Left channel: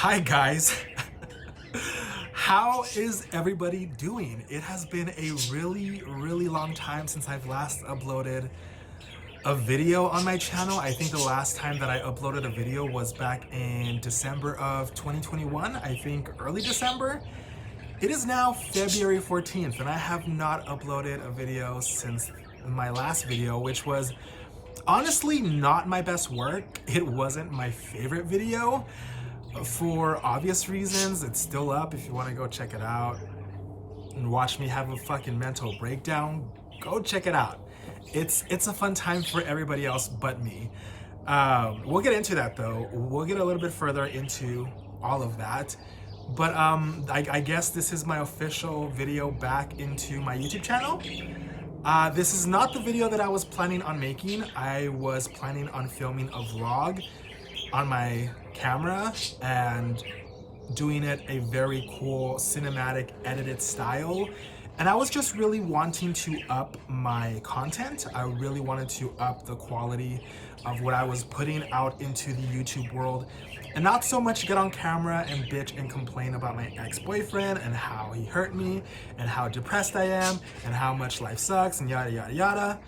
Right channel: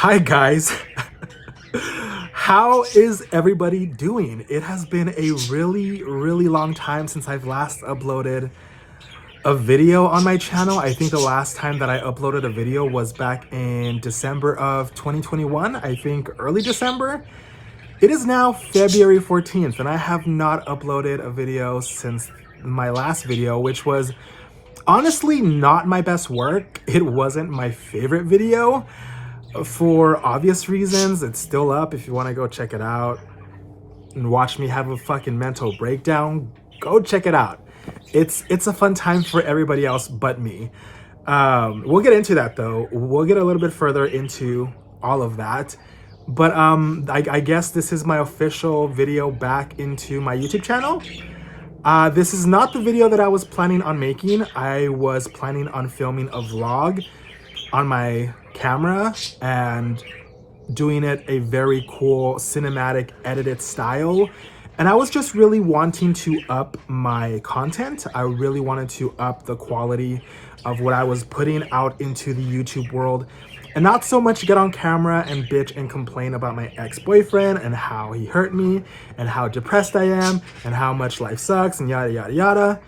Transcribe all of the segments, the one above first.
Hi guys. How is everybody doing? It has been a really long time since I've last uploaded a video on my channel. I think the last time that I uploaded a video was back in December of 2021. I think early December. It is now February 14th and I have not uploaded a video since my last video, which was honestly not my best work. It wasn't my favorite video. For obvious reasons. It's still up if you want to go check it out and watch me have a fucking mental breakdown. Go check it out. It's a fun time for everybody else but me. We'll get into that though. We'll get a little bit further into all of that. But I guess this is my official video back into my YouTube channel. This is not the video that I was planning on making. I was planning on filming a vlog on my camera and doing it a very cool cinematic edited style, and I was just really wanting to up my content. I really wanted to up the quality of what I was putting out into the YouTube world, and not so much get on camera and bitch and complain about my ex-boyfriend and how he hurt me and how depressed I am and how much life sucks and yada yada yada,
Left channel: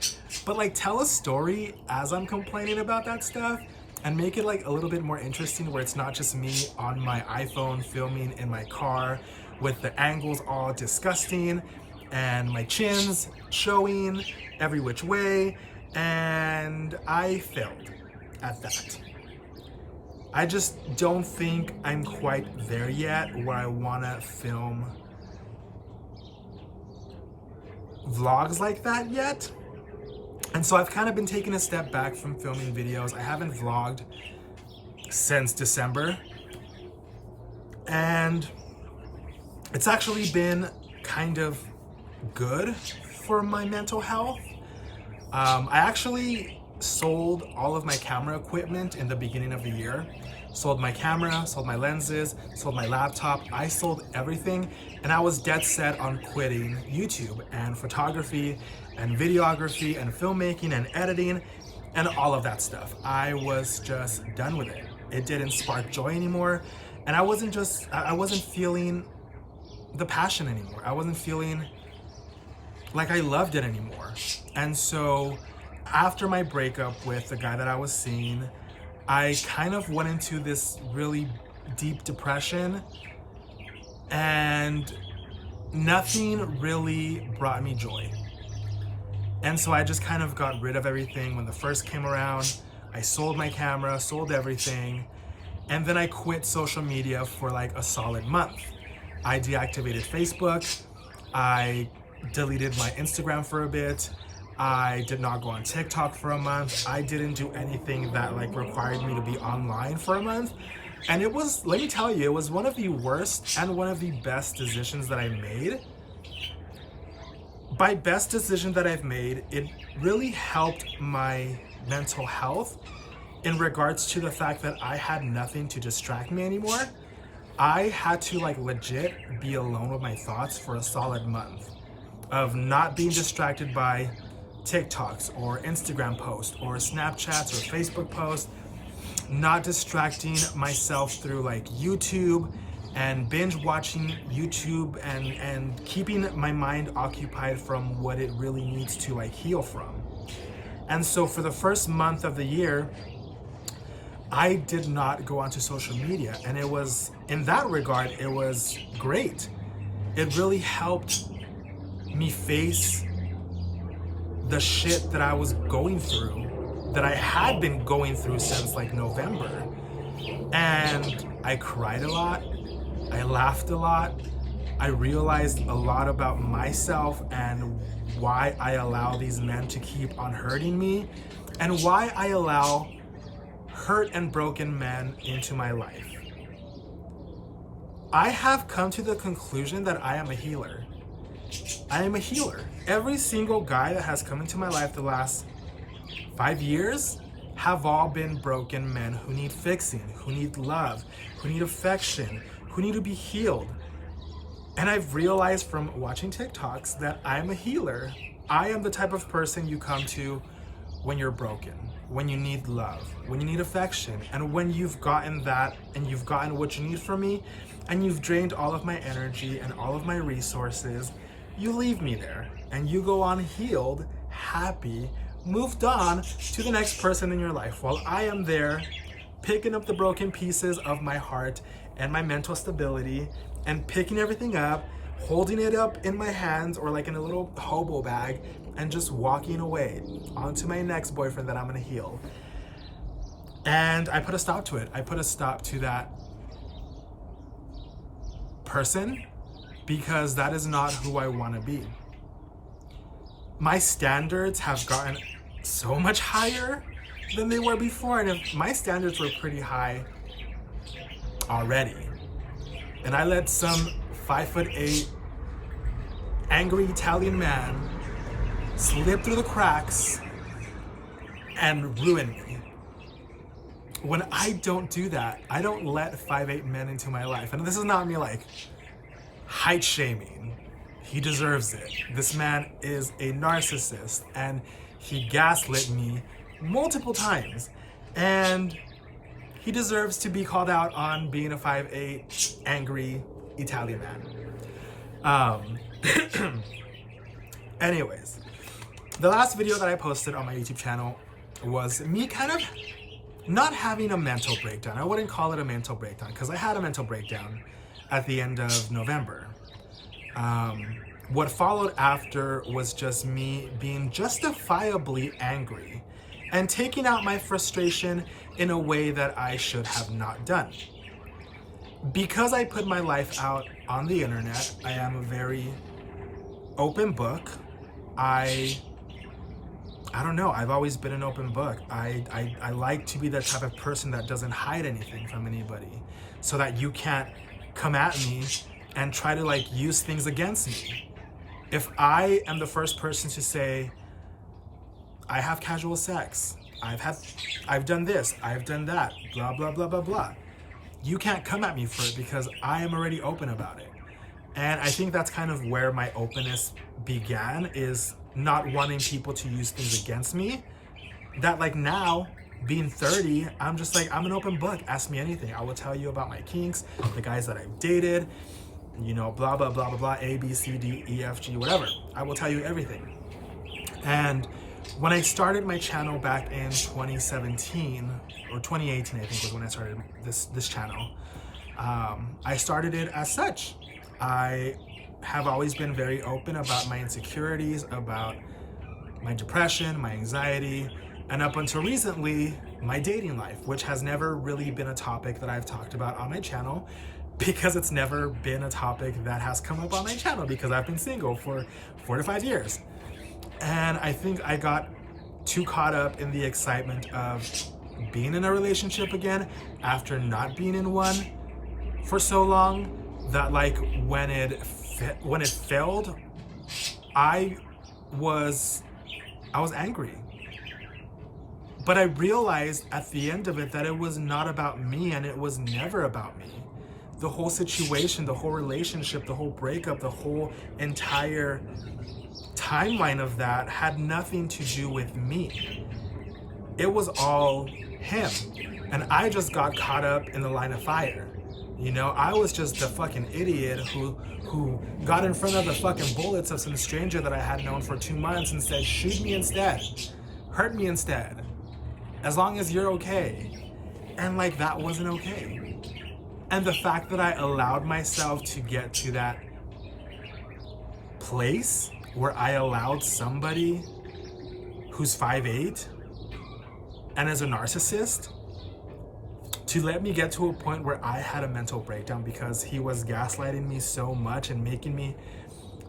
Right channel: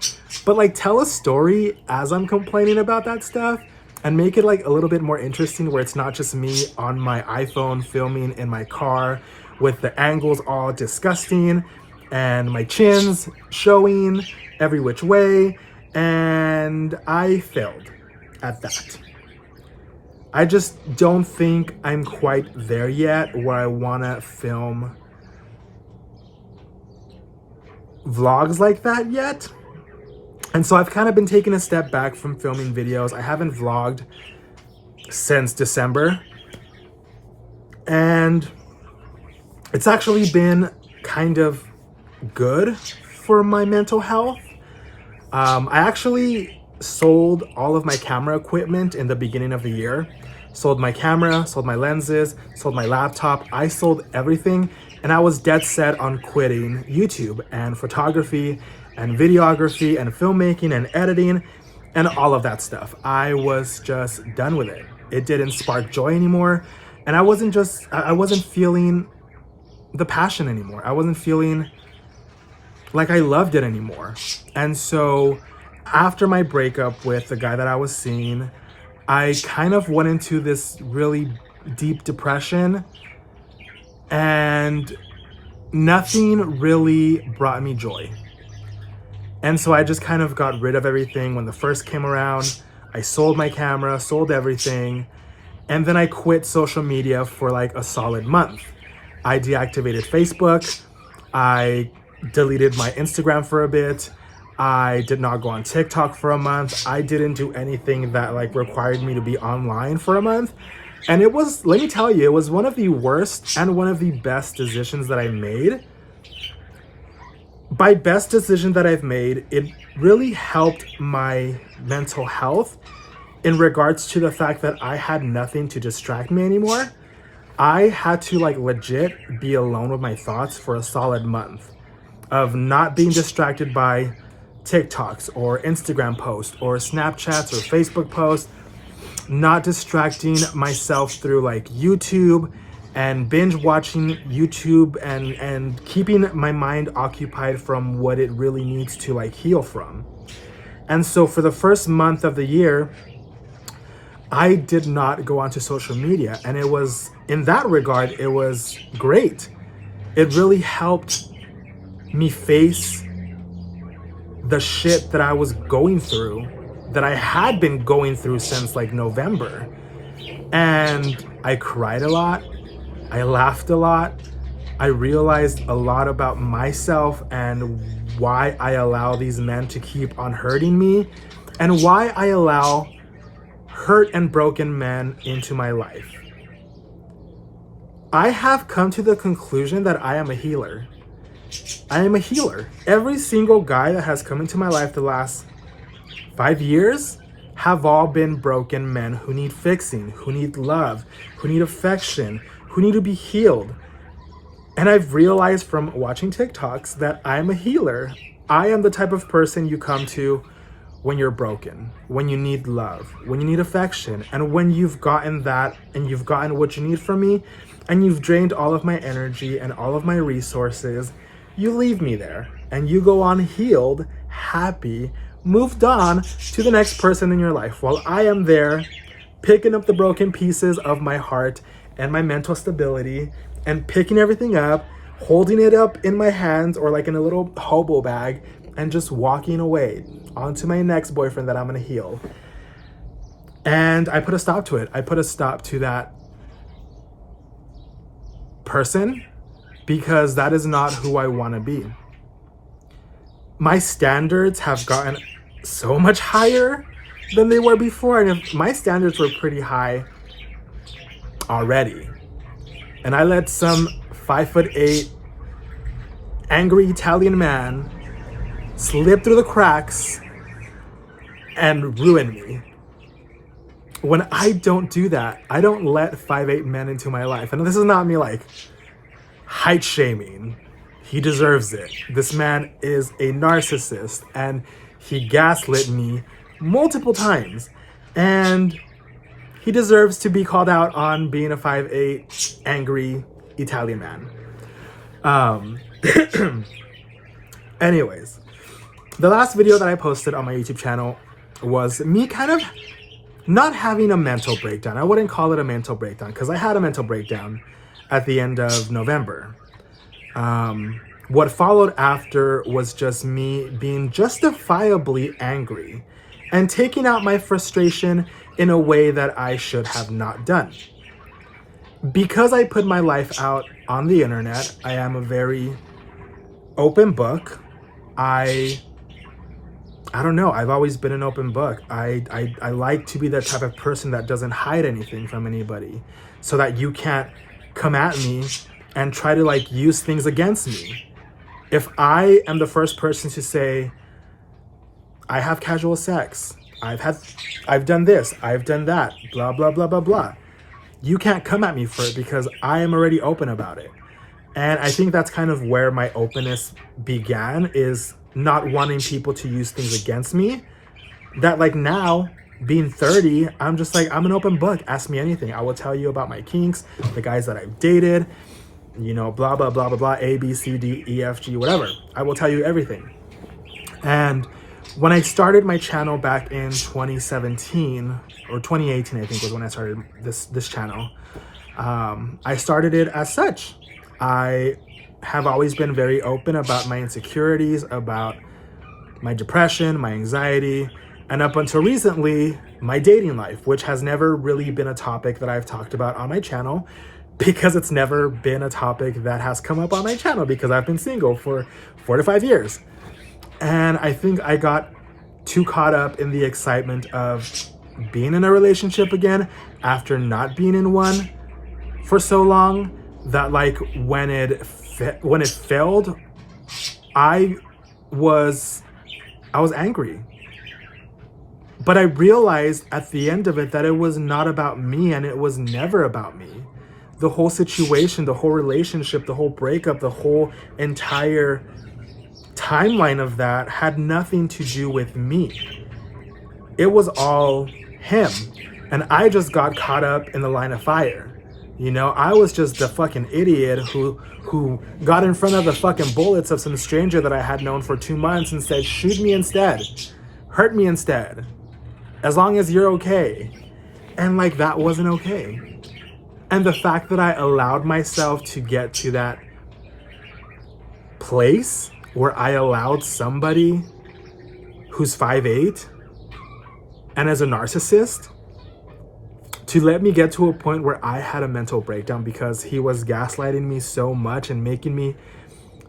but like tell a story as I'm complaining about that stuff and make it like a little bit more interesting, where it's not just me on my iPhone filming in my car with the angles all disgusting and my chins showing every which way. And I failed at that. I just don't think I'm quite there yet where I wanna film vlogs like that yet. And so I've kind of been taking a step back from filming videos. I haven't vlogged since December. And it's actually been kind of good for my mental health. I actually sold all of my camera equipment in the beginning of the year. Sold my camera, sold my lenses, sold my laptop. I sold everything, and I was dead set on quitting YouTube and photography and videography and filmmaking and editing and all of that stuff. I was just done with it. It didn't spark joy anymore, and I wasn't feeling the passion anymore. I wasn't feeling like I loved it anymore. And so after my breakup with the guy that I was seeing, I kind of went into this really deep depression, and nothing really brought me joy. And so I just kind of got rid of everything. When the first came around, I sold my camera, sold everything, and then I quit social media for like a solid month. I deactivated Facebook, I deleted my Instagram for a bit, I did not go on TikTok for a month. I didn't do anything that like required me to be online for a month. And it was, let me tell you, it was one of the worst and one of the best decisions that I made. By best decision that I've made, it really helped my mental health in regards to the fact that I had nothing to distract me anymore. I had to like legit be alone with my thoughts for a solid month of not being distracted by TikToks or Instagram posts or Snapchats or Facebook posts, not distracting myself through like YouTube and binge watching YouTube and keeping my mind occupied from what it really needs to like heal from. And so for the first month of the year, I did not go onto social media, and it was, in that regard, it was great. It really helped me face the shit that I was going through, that I had been going through since like November. And I cried a lot. I laughed a lot. I realized a lot about myself and why I allow these men to keep on hurting me, and why I allow hurt and broken men into my life. I have come to the conclusion that I am a healer. I am a healer. Every single guy that has come into my life the last 5 years have all been broken men who need fixing, who need love, who need affection, who need to be healed. And I've realized from watching TikToks that I'm a healer. I am the type of person you come to when you're broken, when you need love, when you need affection, and when you've gotten that and you've gotten what you need from me and you've drained all of my energy and all of my resources, you leave me there and you go on healed, happy, moved on to the next person in your life, while I am there picking up the broken pieces of my heart and my mental stability and picking everything up, holding it up in my hands or like in a little hobo bag, and just walking away onto my next boyfriend that I'm gonna heal. And I put a stop to it. I put a stop to that person because that is not who I wanna be. My standards have gotten so much higher than they were before, and if my standards were pretty high already, and I let some 5'8" angry Italian man slip through the cracks and ruin me. When I don't do that, I don't let 5'8" men into my life. And this is not me like height shaming. He deserves it. This man is a narcissist and he gaslit me multiple times. And he deserves to be called out on being a 5'8" angry Italian man. Anyways, the last video that I posted on my YouTube channel was me kind of not having a mental breakdown. I wouldn't call it a mental breakdown because I had a mental breakdown at the end of November. What followed after was just me being justifiably angry and taking out my frustration in a way that I should have not done. Because I put my life out on the internet, I am a very open book. I don't know, I've always been an open book. I like to be that type of person that doesn't hide anything from anybody, so that you can't come at me and try to like use things against me. If I am the first person to say, I have casual sex, I've done this, I've done that, blah, blah, blah, blah, blah, you can't come at me for it because I am already open about it. And I think that's kind of where my openness began, is not wanting people to use things against me. That like now, being 30, I'm just like, I'm an open book. Ask me anything. I will tell you about my kinks, the guys that I've dated, you know, blah, blah, blah, blah, blah, A, B, C, D, E, F, G, whatever. I will tell you everything. And when I started my channel back in 2017 or 2018, I think was when I started this channel. I started it as such. I have always been very open about my insecurities, about my depression, my anxiety, and up until recently, my dating life, which has never really been a topic that I've talked about on my channel, because it's never been a topic that has come up on my channel because I've been single for 4 to 5 years. And I think I got too caught up in the excitement of being in a relationship again after not being in one for so long, that like when it failed, I was angry. But I realized at the end of it that it was not about me, and it was never about me. The whole situation, the whole relationship, the whole breakup, the whole entire timeline of that had nothing to do with me. It was all him. And I just got caught up in the line of fire. You know, I was just a fucking idiot who got in front of the fucking bullets of some stranger that I had known for 2 months and said, shoot me instead, hurt me instead, as long as you're okay. And like, that wasn't okay. And the fact that I allowed myself to get to that place where I allowed somebody who's 5'8" and as a narcissist to let me get to a point where I had a mental breakdown because he was gaslighting me so much and making me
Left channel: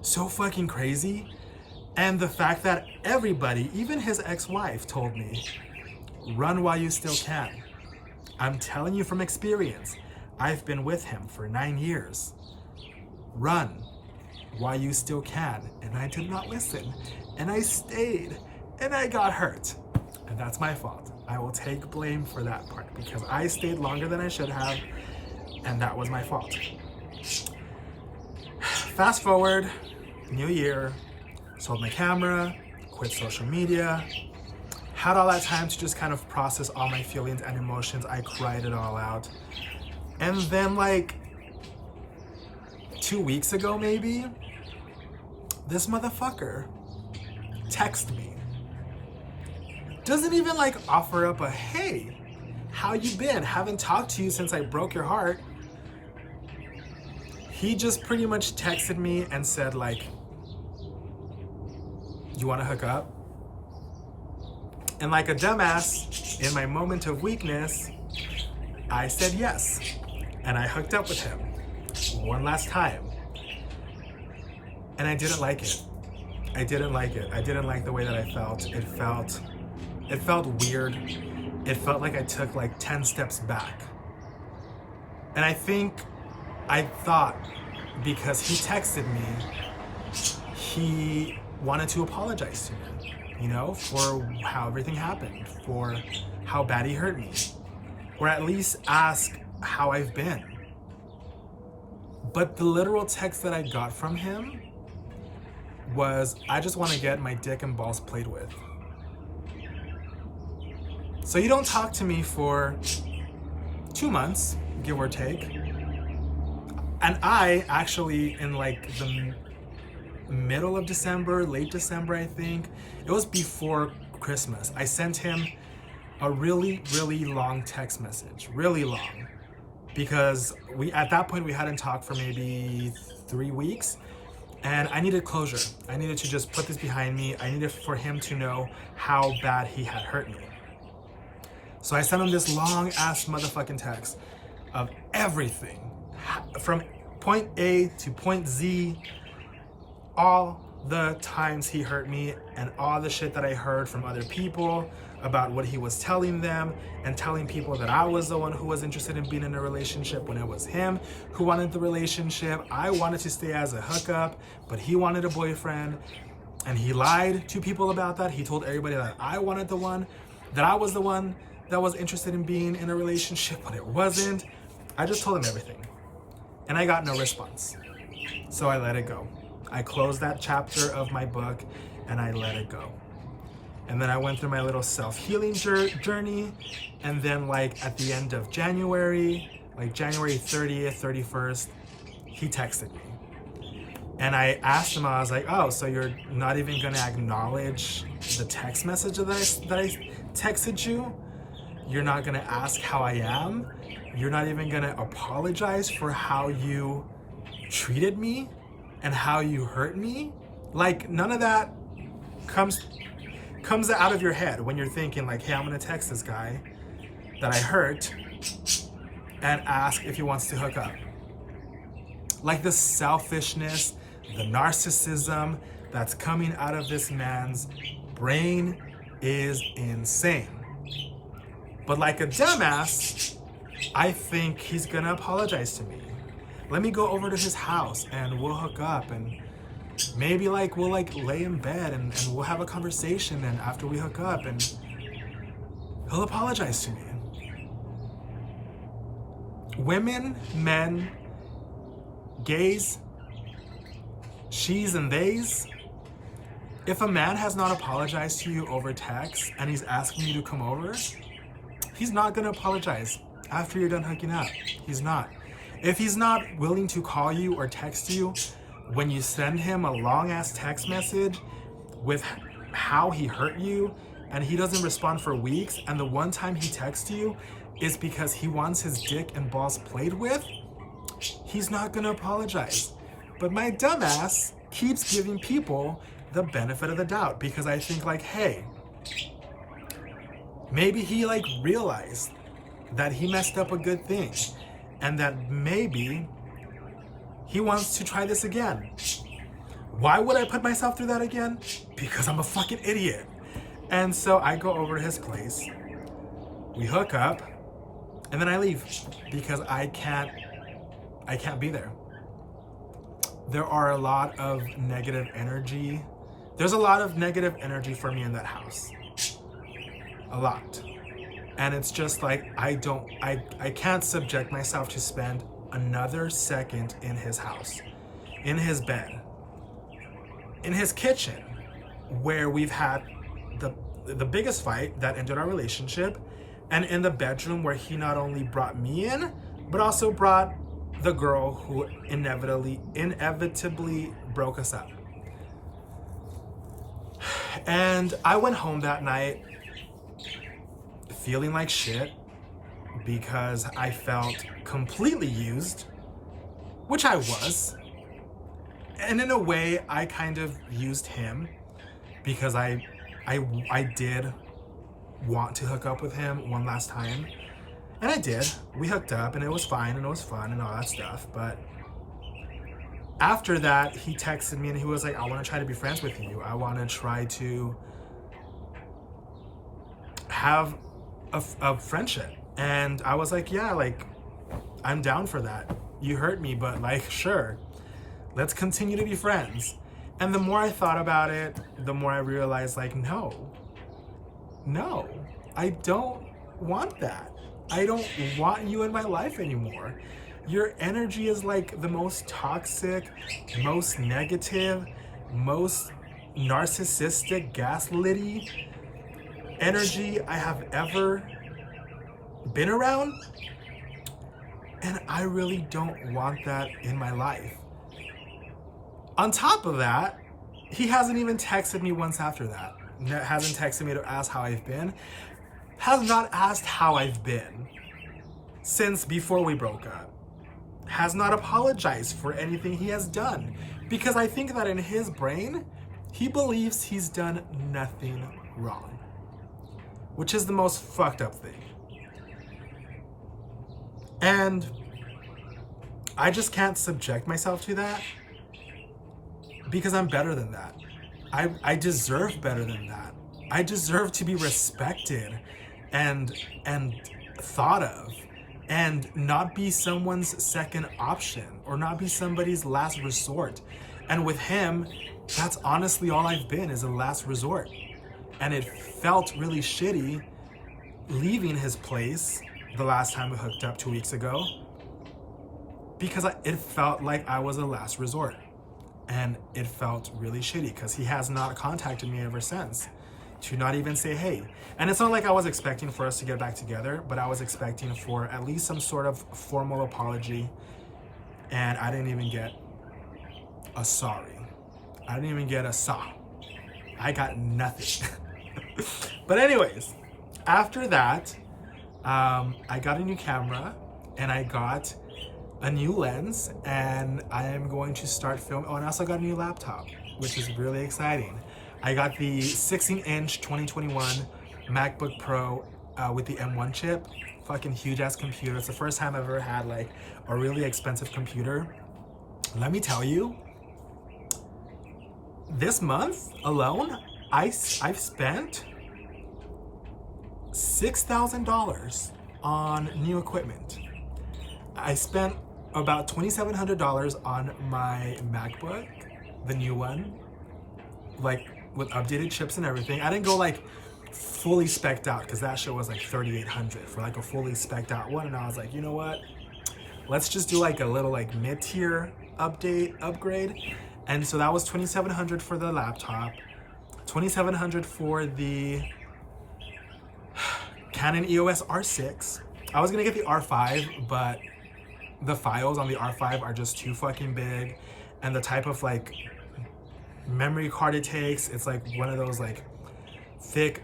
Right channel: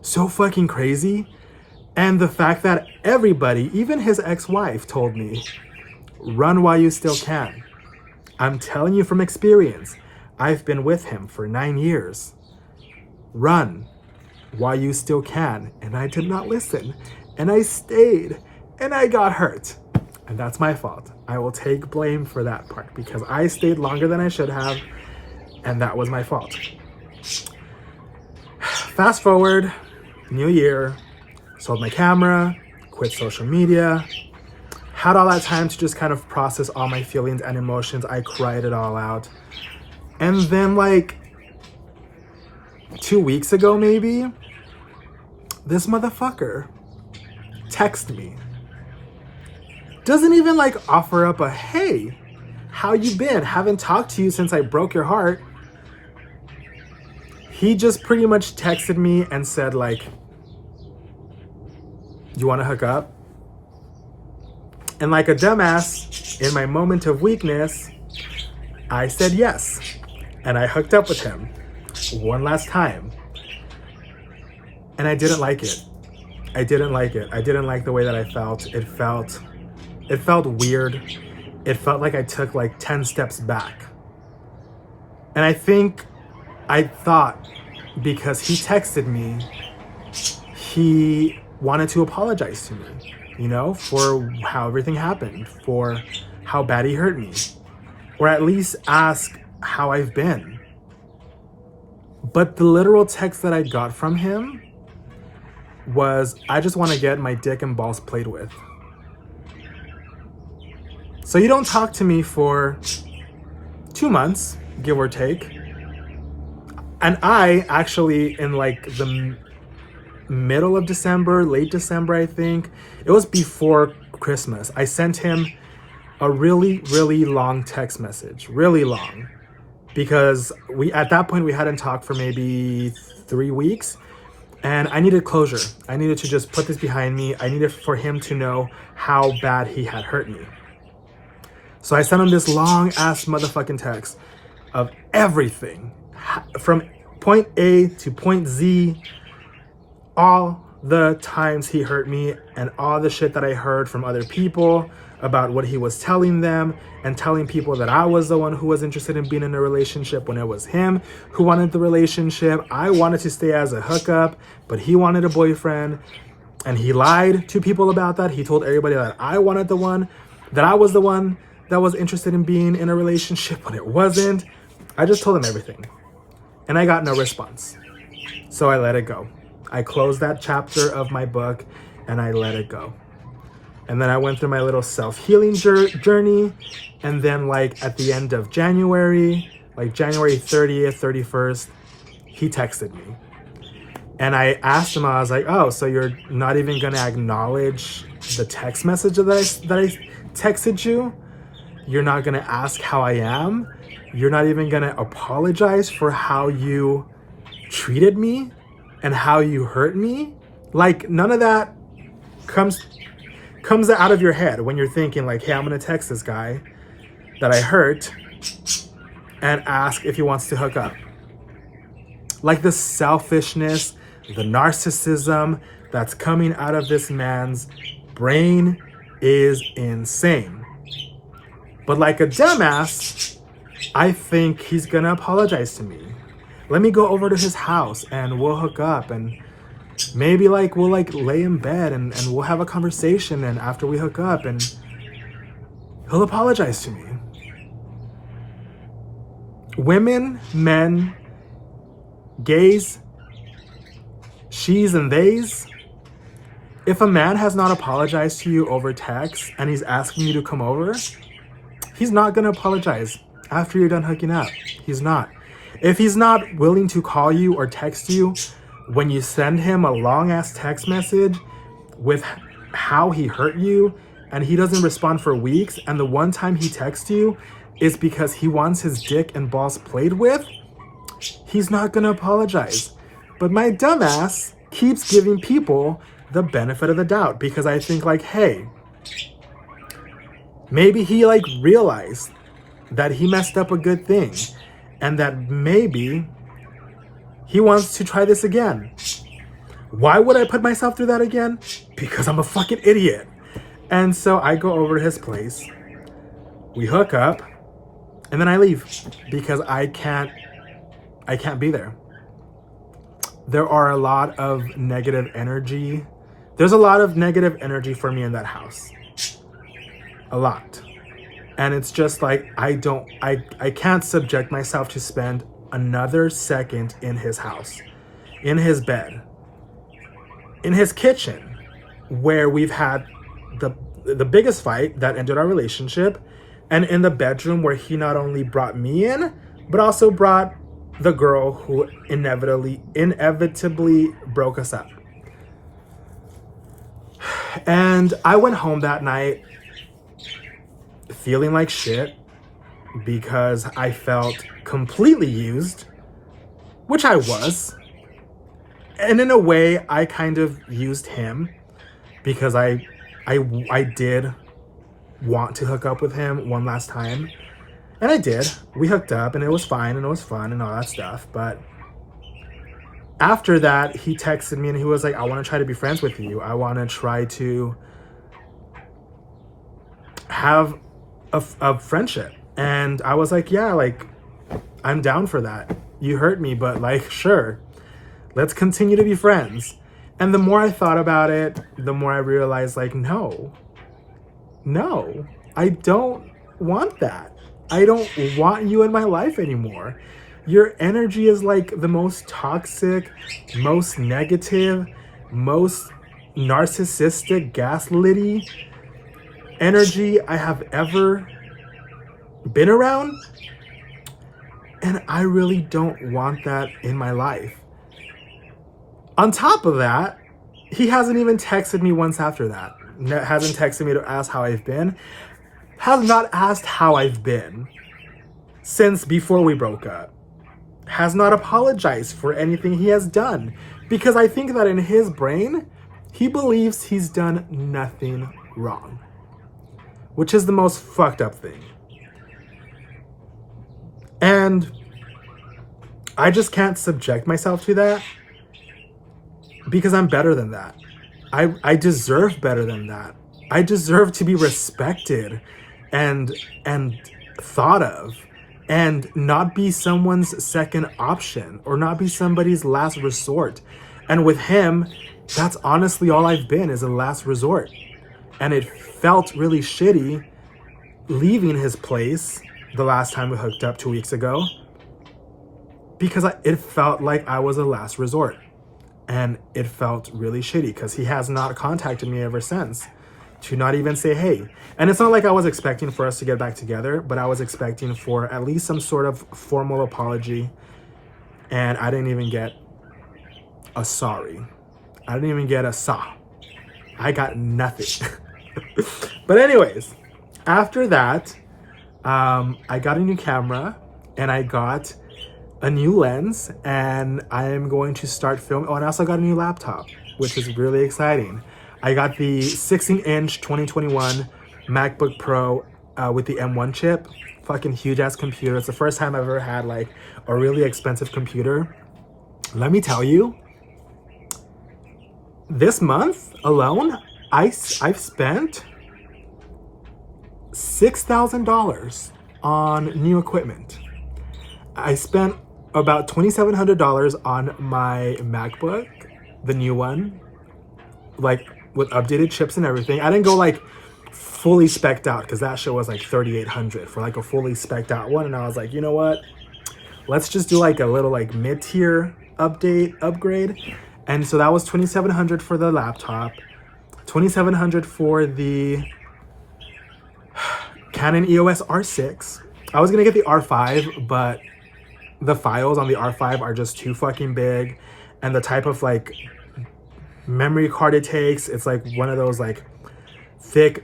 so fucking crazy. And the fact that everybody, even his ex-wife, told me, run while you still can. I'm telling you from experience. I've been with him for 9 years. Run while you still can. And I did not listen. And I stayed. And I got hurt. And that's my fault. I will take blame for that part because I stayed longer than I should have. And that was my fault. Fast forward, new year, sold my camera, quit social media, Had all that time to just kind of process all my feelings and emotions. I cried it all out. And then like 2 weeks ago, maybe, this motherfucker texted me. Doesn't even like offer up a, hey, how you been? Haven't talked to you since I broke your heart. He just pretty much texted me and said like, you want to hook up? And like a dumbass, in my moment of weakness, I said yes. And I hooked up with him one last time. And I didn't like it. I didn't like it. I didn't like the way that I felt. It felt weird. It felt like I took like 10 steps back. And I thought because he texted me, he wanted to apologize to me, you know, for how everything happened, for how bad he hurt me, or at least ask how I've been. But the literal text that I got from him was, I just want to get my dick and balls played with. So you don't talk to me for 2 months, give or take. And I actually, in like the middle of December, late December, I think, it was before Christmas, I sent him a really, really long text message, really long, because at that point we hadn't talked for maybe 3 weeks, and I needed closure. I needed to just put this behind me. I needed for him to know how bad he had hurt me. So I sent him this long ass motherfucking text of everything from point A to point Z, all the times he hurt me and all the shit that I heard from other people about what he was telling them, and telling people that I was the one who was interested in being in a relationship when it was him who wanted the relationship. I wanted to stay as a hookup, but he wanted a boyfriend, and he lied to people about that. He told everybody that I was the one that was interested in being in a relationship when it wasn't. I just told him everything, and I got no response. So I let it go. I closed that chapter of my book and I let it go. And then I went through my little self-healing journey. And then like at the end of January, like January 30th, 31st, he texted me. And I asked him, I was like, oh, so you're not even gonna acknowledge the text message that I texted you? You're not gonna ask how I am? You're not even gonna apologize for how you treated me and how you hurt me? Like, none of that comes out of your head when you're thinking like, hey, I'm gonna text this guy that I hurt and ask if he wants to hook up. Like, the selfishness, the narcissism that's coming out of this man's brain is insane. But like a dumbass, I think he's gonna apologize to me. Let me go over to his house and we'll hook up, and maybe like we'll like lay in bed and we'll have a conversation, and after we hook up, and he'll apologize to me. Women, men, gays, she's and theys, if a man has not apologized to you over text and he's asking you to come over, he's not gonna apologize after you're done hooking up. He's not. If he's not willing to call you or text you when you send him a long ass text message with how he hurt you, and he doesn't respond for weeks, and the one time he texts you is because he wants his dick and balls played with, he's not gonna apologize. But my dumbass keeps giving people the benefit of the doubt, because I think like, hey, maybe he like realized that he messed up a good thing, and that maybe he wants to try this again. Why would I put myself through that again? Because I'm a fucking idiot. And so I go over to his place, we hook up, and then I leave because I can't be there. There are a lot of negative energy. There's a lot of negative energy for me in that house. A lot. And it's just like, I can't subject myself to spend another second in his house, in his bed, in his kitchen, where we've had the biggest fight that ended our relationship, and in the bedroom where he not only brought me in, but also brought the girl who inevitably broke us up. And I went home that night feeling like shit because I felt completely used, which I was. And in a way, I kind of used him because I did want to hook up with him one last time. And I did. We hooked up and it was fine and it was fun and all that stuff. But after that, he texted me and he was like, I want to try to be friends with you. I want to try to have a friendship. And I was like, yeah, like, I'm down for that. You hurt me, but like, sure, let's continue to be friends. And the more I thought about it, the more I realized, like, no, I don't want that. I don't want you in my life anymore. Your energy is like the most toxic, most negative, most narcissistic, gaslighty energy I have ever been around. And I really don't want that in my life. On top of that, he hasn't even texted me once after that. Hasn't texted me to ask how I've been. Has not asked how I've been since before we broke up. Has not apologized for anything he has done. Because I think that in his brain, he believes he's done nothing wrong. Which is the most fucked up thing. And I just can't subject myself to that. Because I'm better than that. I deserve better than that. I deserve to be respected and thought of, and not be someone's second option or not be somebody's last resort. And with him, that's honestly all I've been, is a last resort. And it felt really shitty leaving his place the last time we hooked up 2 weeks ago, because it felt like I was a last resort. And it felt really shitty because he has not contacted me ever since, to not even say hey. And it's not like I was expecting for us to get back together, but I was expecting for at least some sort of formal apology. And I didn't even get a sorry. I didn't even get a saw. I got nothing. But anyways, after that, I got a new camera and I got a new lens, and I am going to start filming. Oh, and I also got a new laptop, which is really exciting. I got the 16-inch 2021 MacBook Pro with the M1 chip. Fucking huge ass computer. It's the first time I've ever had like a really expensive computer. Let me tell you, this month alone, I've spent $6,000 on new equipment. I spent about $2,700 on my MacBook, the new one, like with updated chips and everything. I didn't go like fully spec'd out because that shit was like $3,800 for like a fully spec'd out one. And I was like, you know what? Let's just do like a little like mid-tier upgrade. And so that was $2,700 for the laptop, $2,700 for the Canon EOS R6. I was gonna get the R5, but the files on the R5 are just too fucking big, and the type of like memory card it takes, it's like one of those like thick,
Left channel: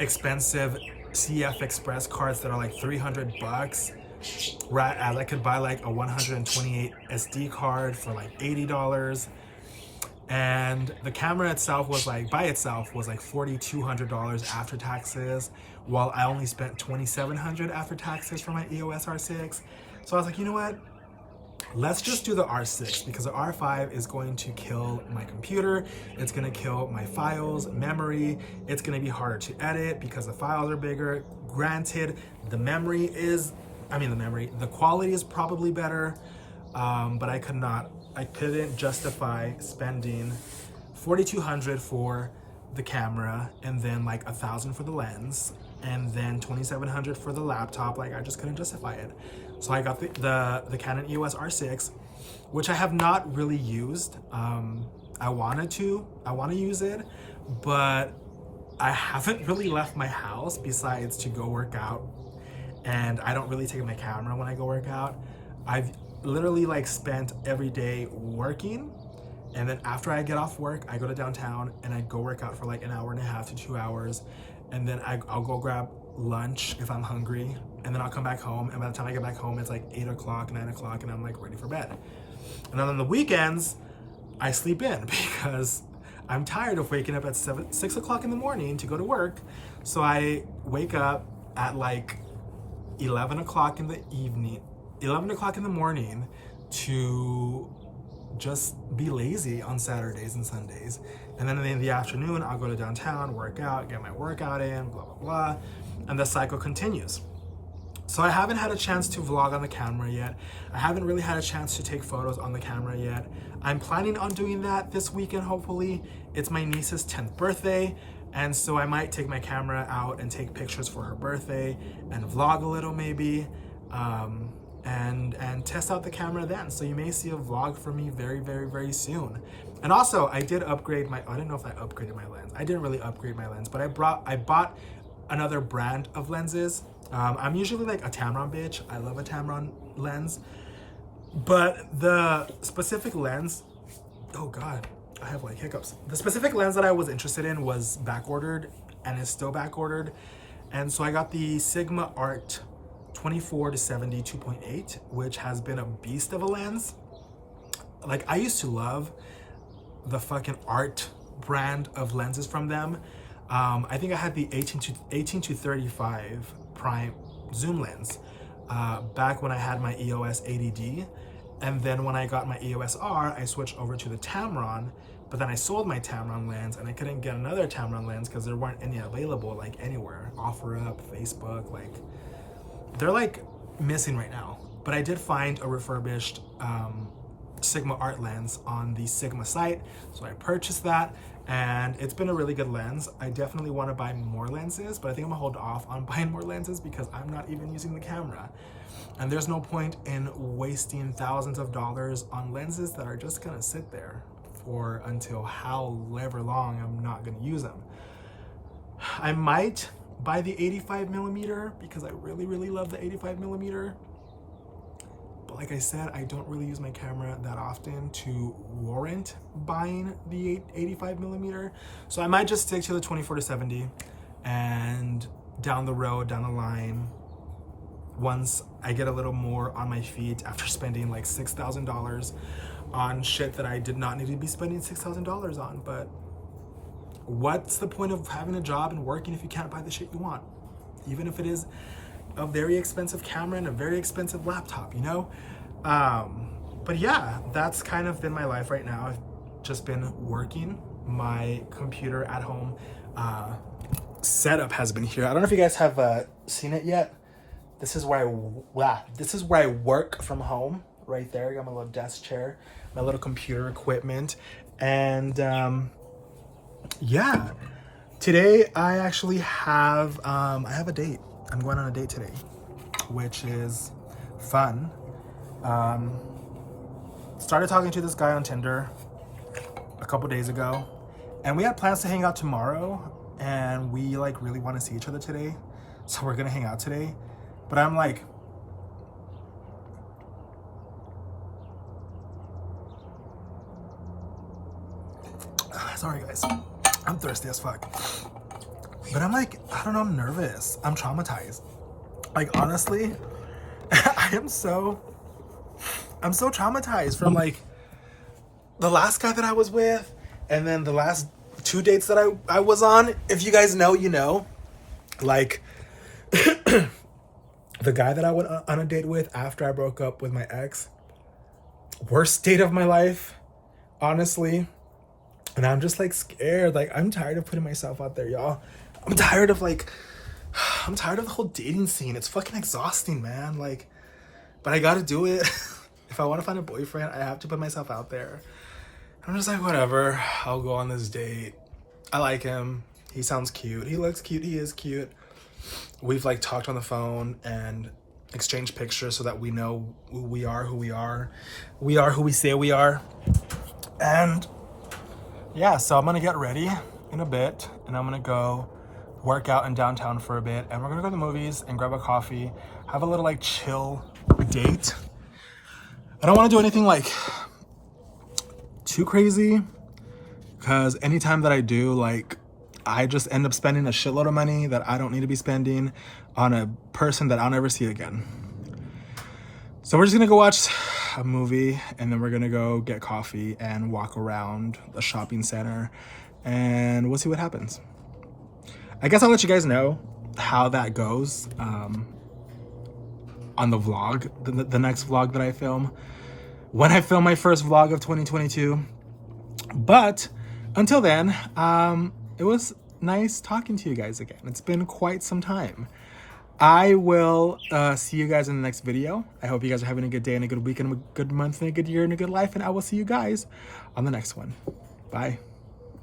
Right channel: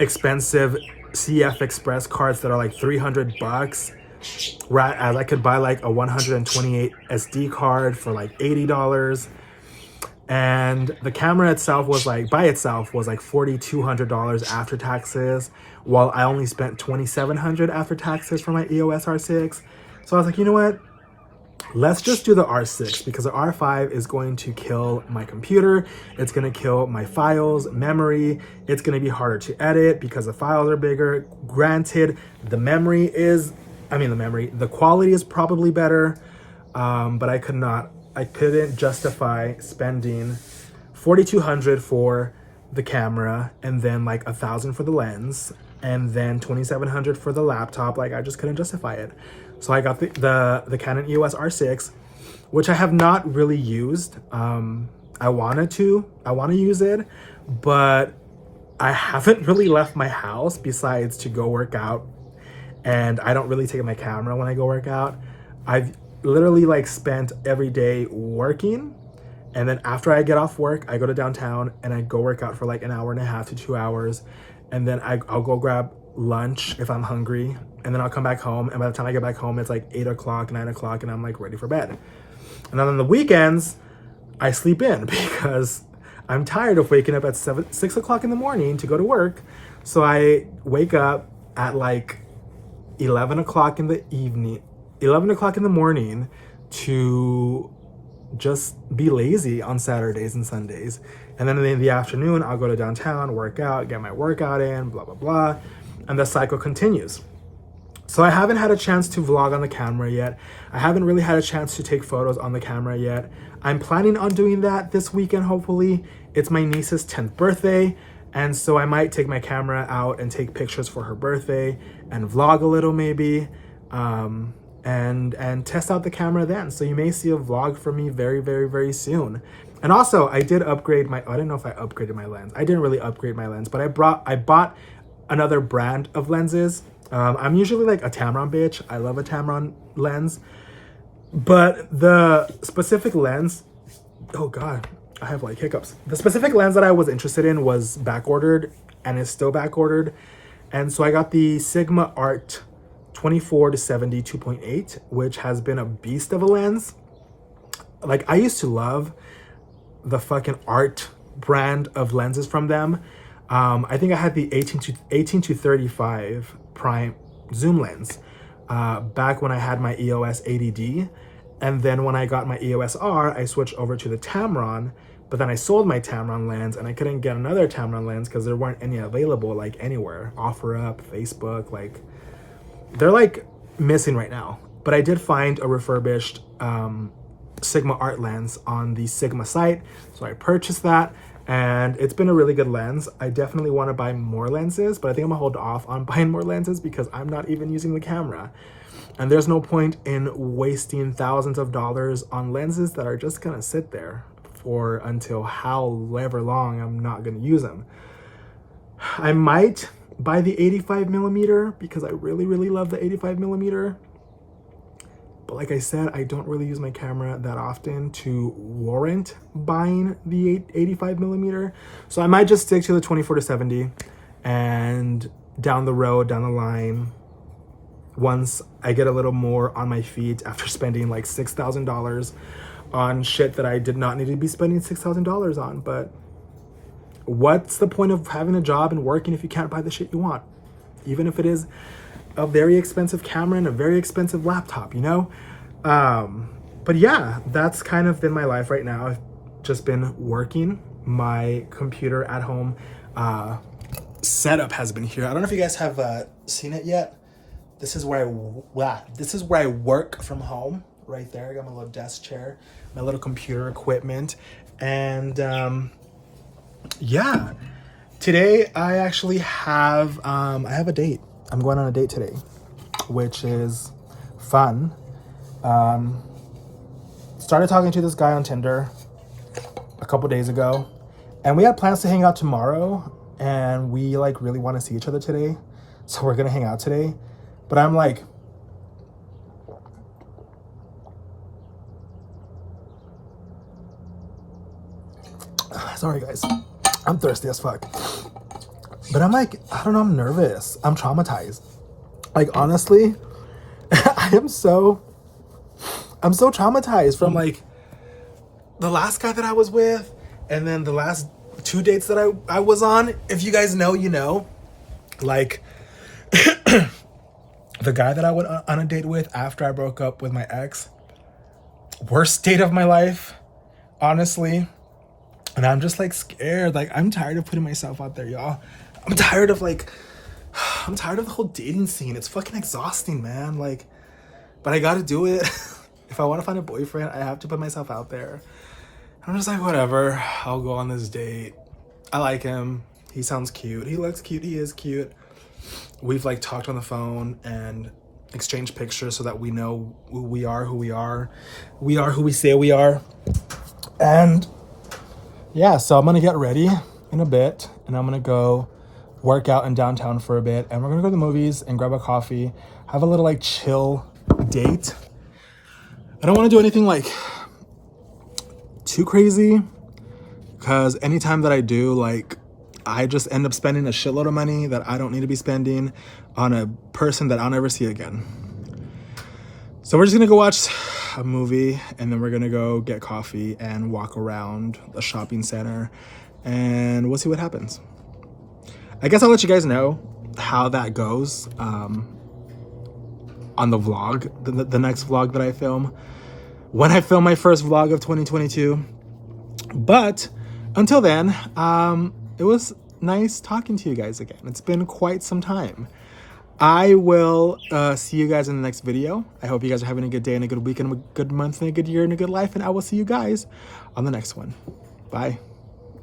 expensive CF Express cards that are like $300, whereas I could buy like a 128 SD card for like $80. And the camera itself was like, by itself was like $4,200 after taxes, while I only spent $2,700 after taxes for my EOS R6. So I was like, you know what? Let's just do the R6, because the R5 is going to kill my computer. It's going to kill my files, memory. It's going to be harder to edit because the files are bigger. Granted, the quality is probably better, but I couldn't justify spending $4,200 for the camera and then like $1,000 for the lens and then $2,700 for the laptop. Like, I just couldn't justify it. So I got the Canon EOS R6, which I have not really used. I want to use it, but I haven't really left my house besides to go work out, and I don't really take my camera when I go work out. I've literally like spent every day working, and then after I get off work, I go to downtown and I go work out for like an hour and a half to 2 hours, and then I'll go grab lunch if I'm hungry, and then I'll come back home, and by the time I get back home, it's like 8 o'clock, 9 o'clock, and I'm like ready for bed. And then on the weekends, I sleep in because I'm tired of waking up at 6 o'clock in the morning to go to work. So I wake up at like 11 o'clock in the evening, 11 o'clock in the morning to just be lazy on Saturdays and Sundays. And then in the afternoon, I'll go to downtown, work out, get my workout in, blah, blah, blah. And the cycle continues. So I haven't had a chance to vlog on the camera yet. I haven't really had a chance to take photos on the camera yet. I'm planning on doing that this weekend, hopefully. It's my niece's 10th birthday, and so I might take my camera out and take pictures for her birthday and vlog a little maybe, and test out the camera then. So you may see a vlog from me very, very, very soon. And also, I did upgrade my, I don't know if I upgraded my lens. I didn't really upgrade my lens, but I bought another brand of lenses. I'm usually like a Tamron bitch. I love a Tamron lens. But the specific lens, oh God, I have like hiccups. The specific lens that I was interested in was back ordered and is still back ordered. And so I got the Sigma Art 24-70 2.8, which has been a beast of a lens. Like I used to love the fucking Art brand of lenses from them. I think I had the 18 to 35 prime zoom lens back when I had my EOS 80D, and then when I got my EOS R, I switched over to the Tamron, but then I sold my Tamron lens and I couldn't get another Tamron lens because there weren't any available like anywhere. OfferUp, Facebook, like they're like missing right now. But I did find a refurbished Sigma Art lens on the Sigma site, so I purchased that. And it's been a really good lens. I definitely want to buy more lenses, but I think I'm gonna hold off on buying more lenses because I'm not even using the camera. And there's no point in wasting thousands of dollars on lenses that are just gonna sit there for until however long I'm not gonna use them. I might buy the 85mm because I really, really love the 85mm. But like I said, I don't really use my camera that often to warrant buying the 85mm. So I might just stick to the 24-70, and down the road, down the line, once I get a little more on my feet after spending like $6,000 on shit that I did not need to be spending $6,000 on. But what's the point of having a job and working if you can't buy the shit you want? Even if it is a very expensive camera and a very expensive laptop, you know? But yeah, that's kind of been my life right now. I've just been working. My computer at home setup has been here. I don't know if you guys have seen it yet. This is where I work from home. Right there, I got my little desk chair, my little computer equipment, and yeah. Today I actually have I have a date. I'm going on a date today, which is fun. Started talking to this guy on Tinder a couple days ago, and we had plans to hang out tomorrow, and we like really want to see each other today, so we're gonna hang out today. But I'm like, sorry guys, I'm thirsty as fuck. But I'm like, I don't know, I'm nervous. I'm traumatized. Like, honestly, I'm so traumatized from like the last guy that I was with, and then the last 2 dates that I was on. If you guys know, you know. Like, the guy that I went on a date with after I broke up with my ex, worst date of my life, honestly. And I'm just like scared. Like, I'm tired of putting myself out there, y'all. I'm tired of the whole dating scene. It's fucking exhausting, man. Like, but I gotta do it. If I want to find a boyfriend, I have to put myself out there. I'm just like, whatever, I'll go on this date. I like him. He sounds cute. He looks cute. He is cute. We've like talked on the phone and exchanged pictures so that we know who we are. We are who we say we are. And yeah, so I'm gonna get ready in a bit, and I'm gonna go work out in downtown for a bit, and we're gonna go to the movies and grab a coffee, have a little like chill date. I don't want to do anything like too crazy, because anytime that I do, like, I just end up spending a shitload of money that I don't need to be spending on a person that I'll never see again. So we're just gonna go watch a movie, and then we're gonna go get coffee and walk around the shopping center, and we'll see what happens. I guess I'll let you guys know how that goes on the vlog, the next vlog that I film, when I film my first vlog of 2022. But until then, it was nice talking to you guys again. It's been quite some time. I will see you guys in the next video. I hope you guys are having a good day and a good week and a good month and a good year and a good life, and I will see you guys on the next one. Bye.